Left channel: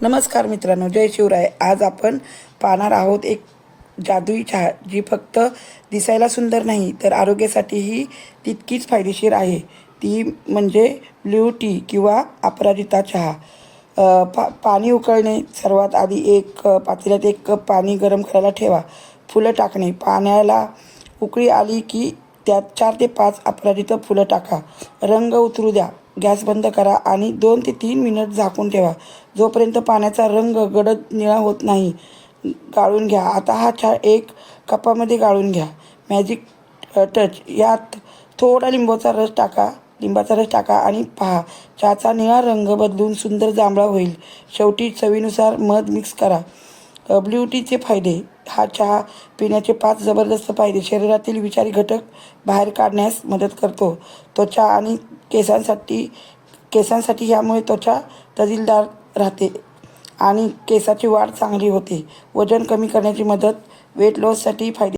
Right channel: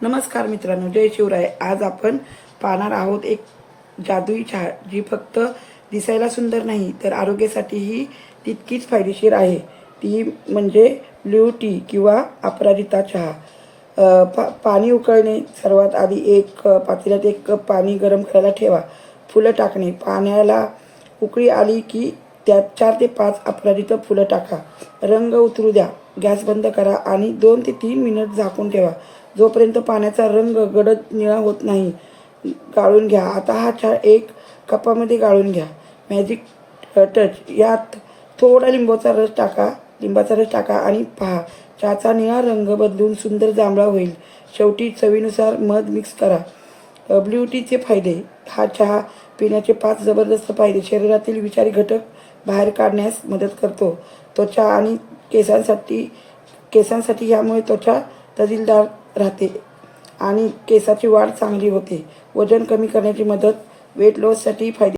नमस्कार मित्रांनो, जय शिवराय। आज आपण पाहणार आहोत एक जादुई चहा जी फक्त दिसायला सुंदर नाही तर आरोग्यासाठीही तितकीच फायदेशीर आहे। ती म्हणजे ब्ल्यू टी किंवा अपराजिता चहा। पाणी उकळणे, सर्वात आधी एक पातेल्यात 1 कप पाणी गरम करायला ठेवा। फुलं टाकणे, पाण्याला उकळी आली की त्यात 4 ते 5 अपराजिता फुलं टाका। रंग उतरू द्या, गॅस बंद करा आणि 2 ते 3 मिनिट झाकून ठेवा जोपर्यंत पाण्याचा रंग गडद निळा होत नाही। गाळून घ्या। आता हा चहा एक कपामध्ये गाळून घ्या। मॅजिक टच, यात थोडा लिंबाचा रस टाका आणि पहा, चहाचा निळा रंग बदलून सुंदर जांभळा होईल। शेवटी चवीनुसार मध मिक्स करा। ब्ल्यू टीचे फायदे। हा चहा पिण्याचे 5 जबरदस्त फायदे। शरीरातील विषारी घटक बाहेर काढण्यास मदत करतो। त्वचा आणि केसांसाठी यामुळे त्वचा तजेलदार राहते आणि केसाची वाढ चांगली होते। वजन कमी करण्याची मदत, वेट लॉससाठी फायदे।